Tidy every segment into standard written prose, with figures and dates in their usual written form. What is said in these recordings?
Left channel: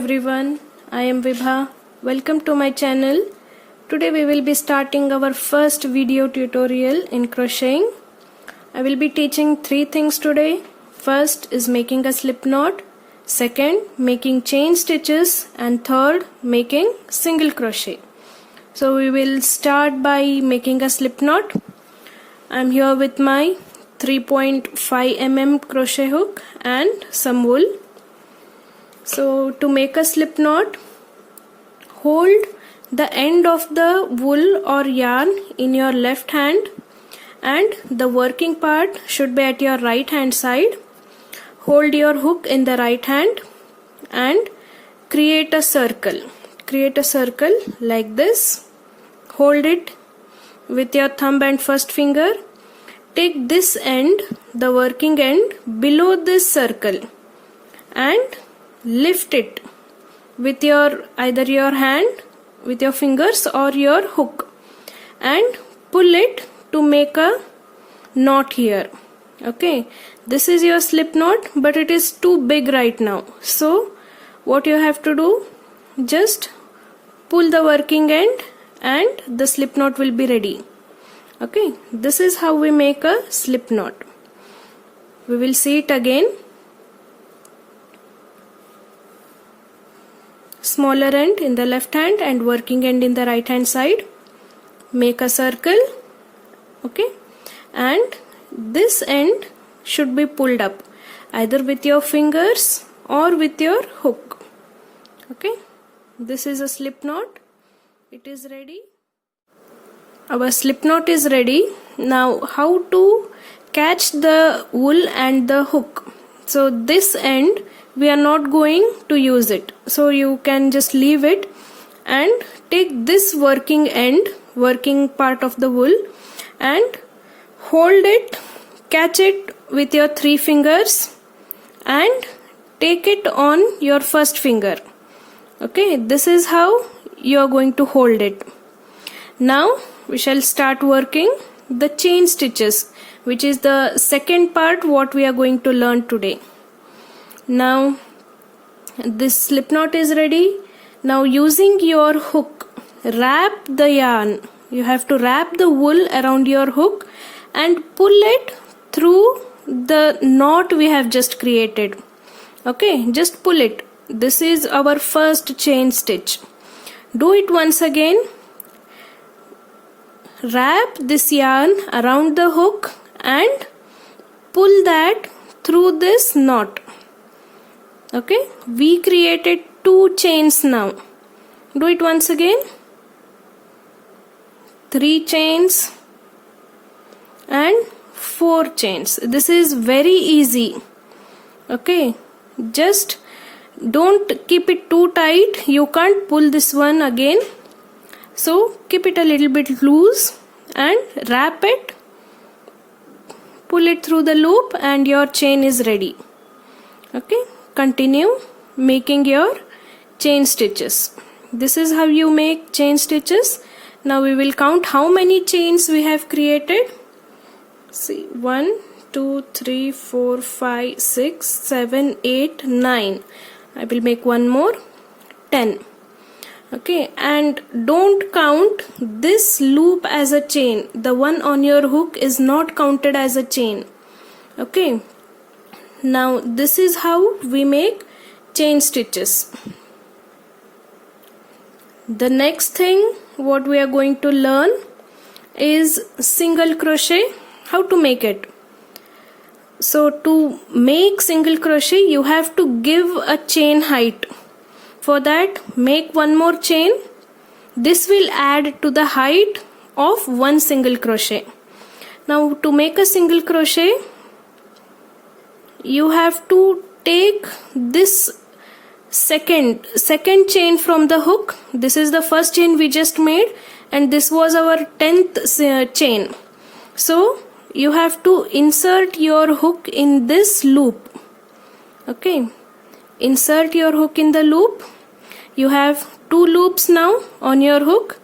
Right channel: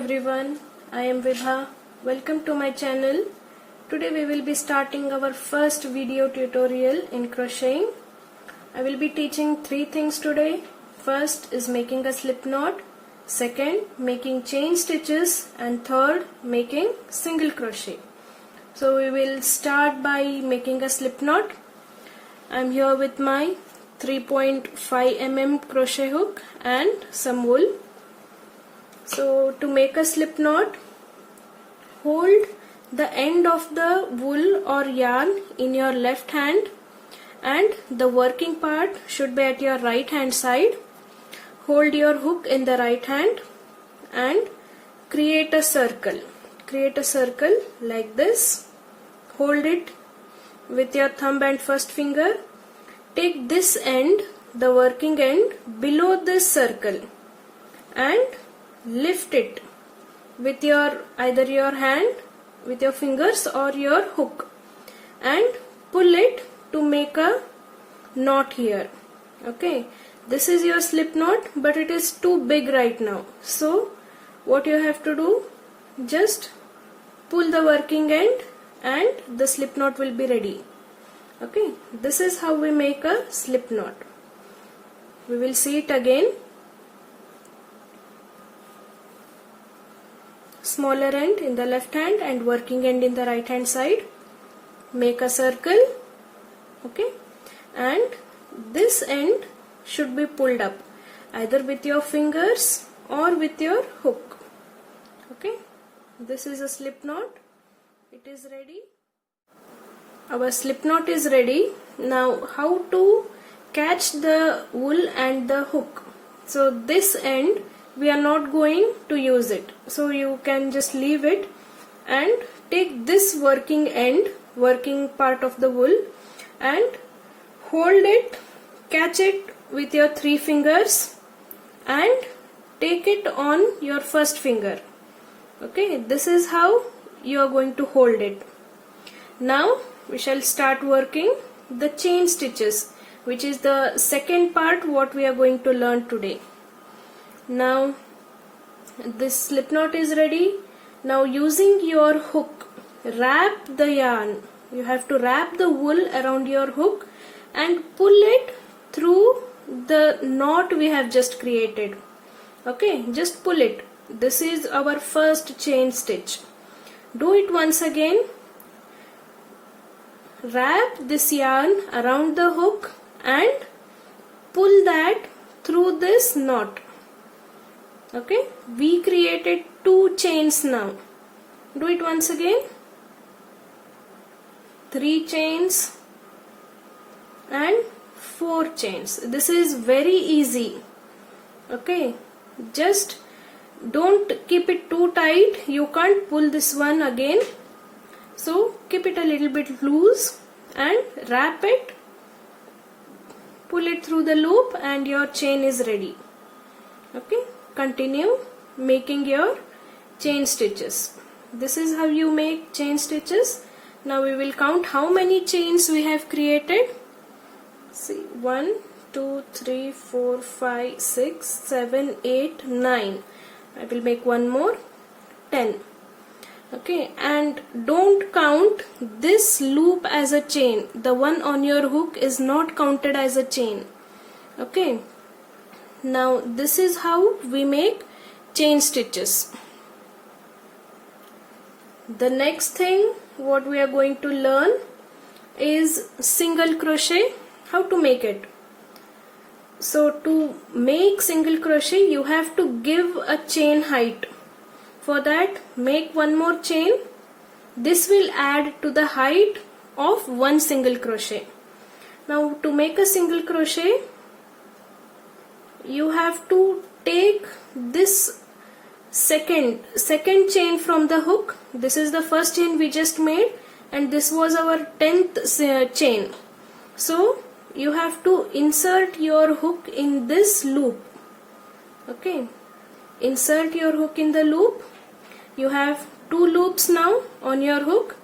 everyone, I am Vibha. Welcome to my channel. Today we will be starting our first video tutorial in crocheting. I will be teaching three things today. First is making a slip knot, second making chain stitches, and third making single crochet. So we will start by making a slip knot. I am here with my 3.5 mm crochet hook and some wool. So to make a slip knot, hold the end of the wool or yarn in your left hand and the working part should be at your right hand side. Hold your hook in the right hand and create a circle. Create a circle like this. Hold it with your thumb and first finger. Take this end, the working end, below this circle and lift it with your either your hand with your fingers or your hook and pull it to make a knot here. Okay, this is your slip knot, but it is too big right now. So what you have to do, just pull the working end and the slip knot will be ready. Okay, this is how we make a slip knot. We will see it again. Smaller end in the left hand and working end in the right hand side. Make a circle. Okay, and this end should be pulled up either with your fingers or with your hook. Okay, this is a slip knot. It is ready. Our slip knot is ready. Now how to catch the wool and the hook. So this end we are not going to use it, so you can just leave it and take this working end, working part of the wool, and hold it, catch it with your three fingers and take it on your first finger. Okay, this is how you are going to hold it. Now we shall start working the chain stitches, which is the second part what we are going to learn today. Now this slip knot is ready. Now using your hook, wrap the yarn. You have to wrap the wool around your hook and pull it through the knot we have just created. Okay, just pull it. This is our first chain stitch. Do it once again. Wrap this yarn around the hook and pull that through this knot. Okay, we created two chains now. Do it once again. 3 chains and 4 chains. This is very easy. Okay, just don't keep it too tight. You can't pull this one again. So keep it a little bit loose and wrap it. Pull it through the loop and your chain is ready. Okay. Continue making your chain stitches. This is how you make chain stitches. Now we will count how many chains we have created. See, 1, 2, 3, 4, 5, 6, 7, 8, 9. I will make one more, 10. Okay, and don't count this loop as a chain. The one on your hook is not counted as a chain. Okay. Now this is how we make chain stitches. The next thing what we are going to learn is single crochet, how to make it. So to make single crochet you have to give a chain height. For that make one more chain. This will add to the height of one single crochet. Now to make a single crochet, you have to take this second chain from the hook. This is the first chain we just made and this was our 10th chain. So you have to insert your hook in this loop. Okay, insert your hook in the loop. You have 2 loops now on your hook.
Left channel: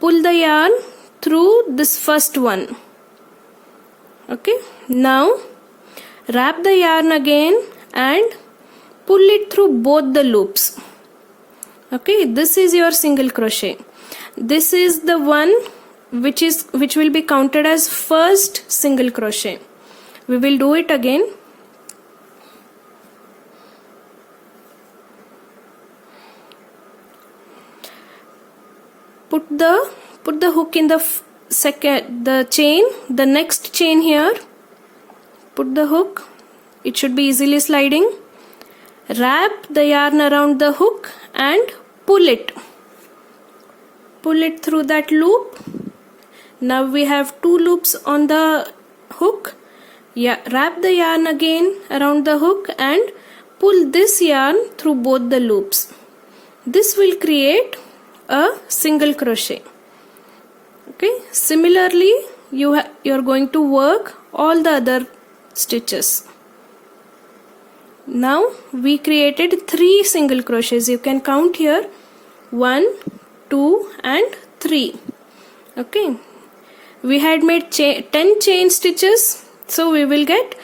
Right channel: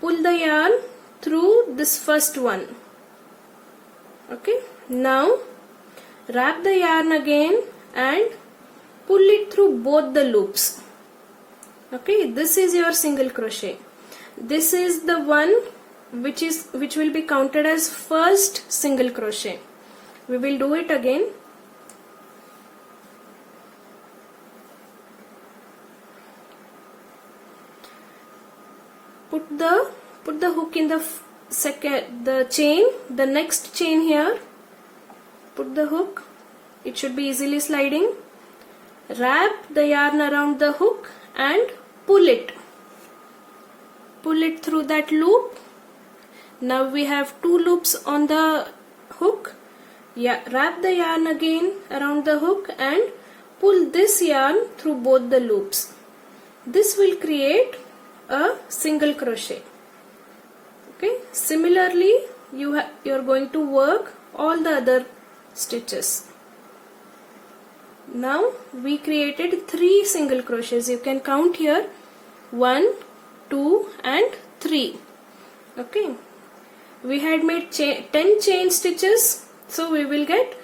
Pull the yarn through this first one. Okay, now wrap the yarn again and pull it through both the loops. Okay, this is your single crochet. This is the one which will be counted as first single crochet. We will do it again. Put the hook in the chain, the next chain here. Put the hook. It should be easily sliding. Wrap the yarn around the hook and pull it. Pull it through that loop. Now we have 2 loops on the hook. Yeah, wrap the yarn again around the hook and pull this yarn through both the loops. This will create a single crochet. Okay, similarly you're going to work all the other stitches. Now we created 3 single crochets. You can count here 1, 2 and 3. Okay, we had made 10 chain stitches, so we will get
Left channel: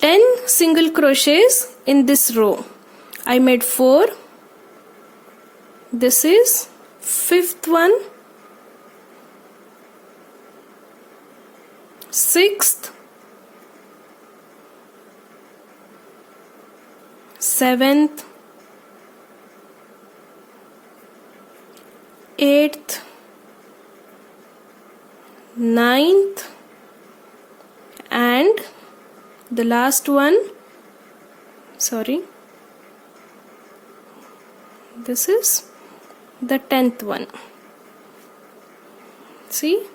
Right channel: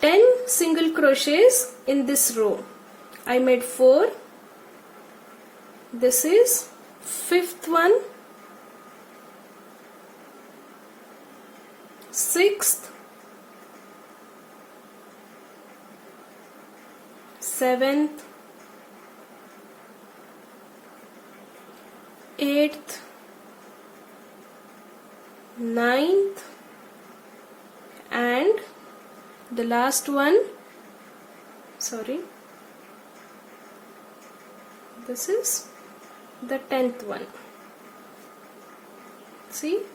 10 single crochets in this row. I made 4. This is 5th one, 6th, 7th, 8th, 9th and the last one, this is the 10th one. See,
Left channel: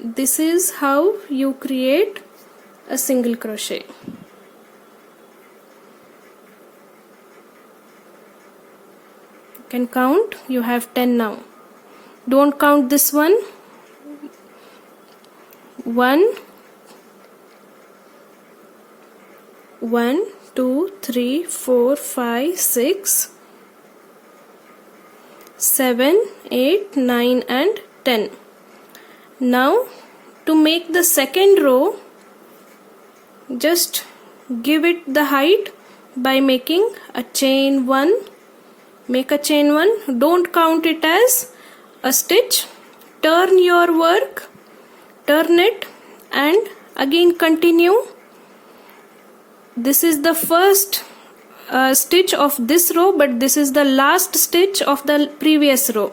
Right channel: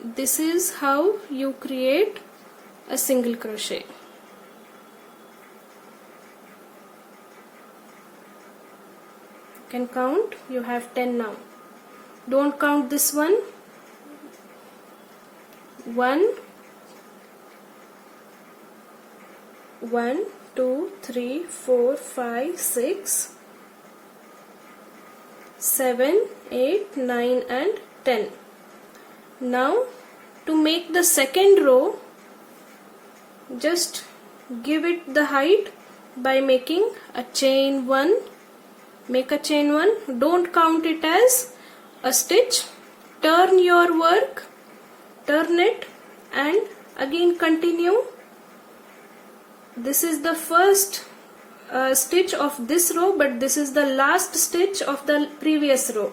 this is how you create a single crochet. You can count. You have 10 now. Don't count this one. 1, 2, 3, 4, 5, 6, 7, 8, 9 and 10. Now to make the second row, just give it the height by making a chain 1. Make a chain 1. Don't count it as a stitch. Turn your work. Turn it and again continue. This is the first stitch of this row, but this is the last stitch of the previous row.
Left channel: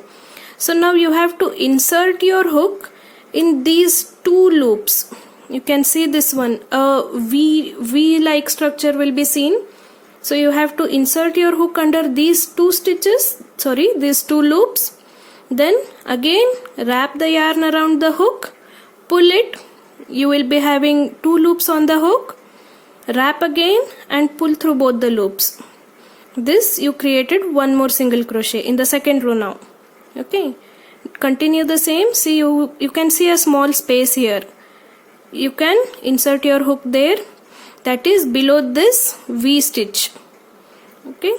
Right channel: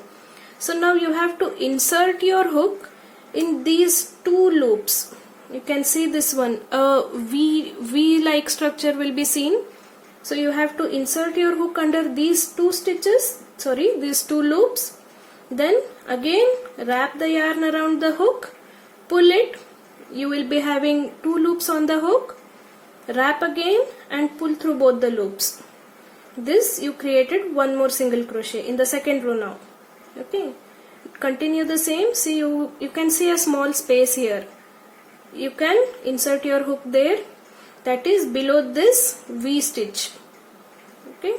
So now you have to insert your hook in these 2 loops. You can see this one, a V like structure will be seen. So you have to insert your hook under these 2 loops. Then again wrap the yarn around the hook, pull it. You will be having 2 loops on the hook. Wrap again and pull through both the loops. This you created 1 more single crochet in the second row now. Okay, continue the same. See, you can see a small space here. You can insert your hook there, that is below this V stitch. Okay,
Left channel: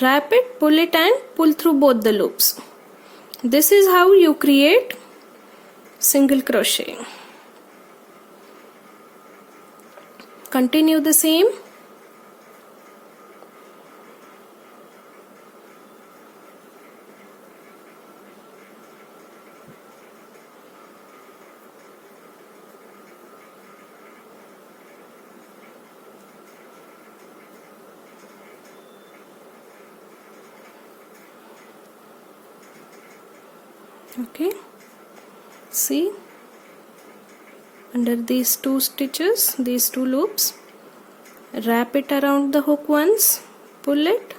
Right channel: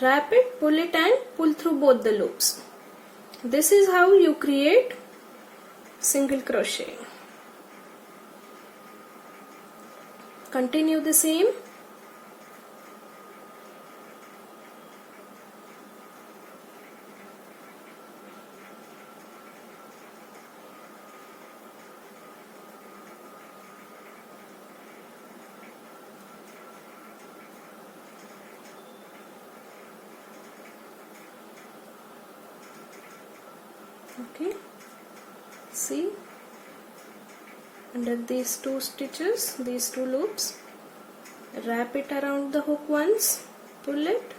wrap it, pull it and pull through both the loops. This is how you create single crochet. Continue the same. Okay, see, under these 2 stitches, these 2 loops, wrap it around the hook once, pull it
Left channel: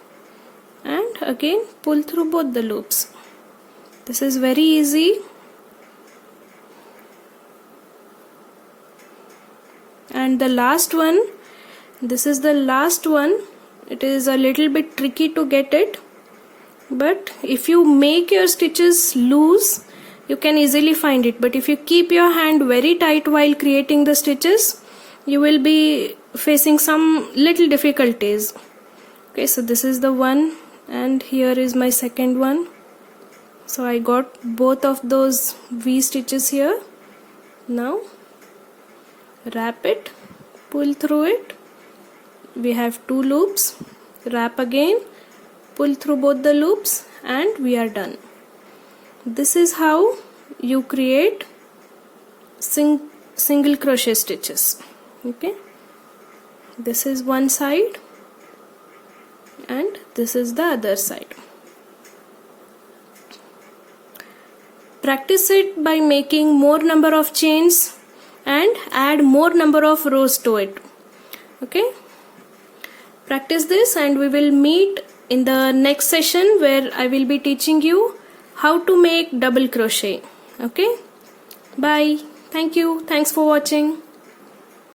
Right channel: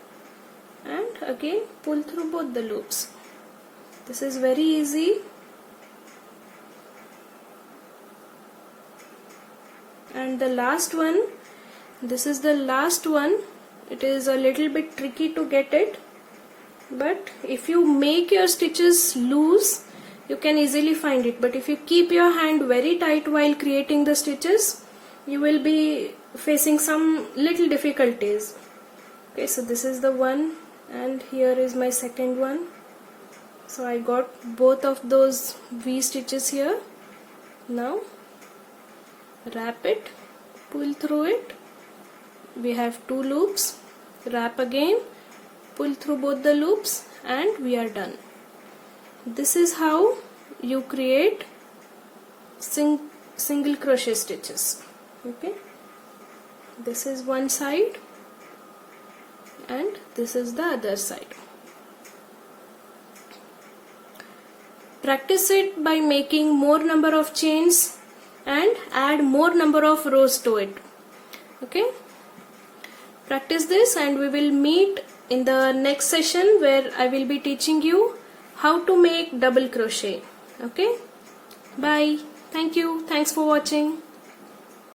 and again pull through both the loops. This is very easy. And the last one, this is the last one. It is a little bit tricky to get it, but if you make your stitches loose, you can easily find it. But if you keep your hand very tight while creating the stitches, you will be facing some little difficulties. Okay, so this is the one and here is my second one. So I got both of those V stitches here. Now wrap it, pull through it. We have 2 loops. wrap again, pull through both the loops, and we are done. This is how you create single crochet stitches. Okay, this is one side and this is the other side. Practice it by making more number of chains and add more number of rows to it. Okay, practice this and we will meet in the next session where I will be teaching you how to make double crochet. Okay, bye. Thank you. Thanks for watching.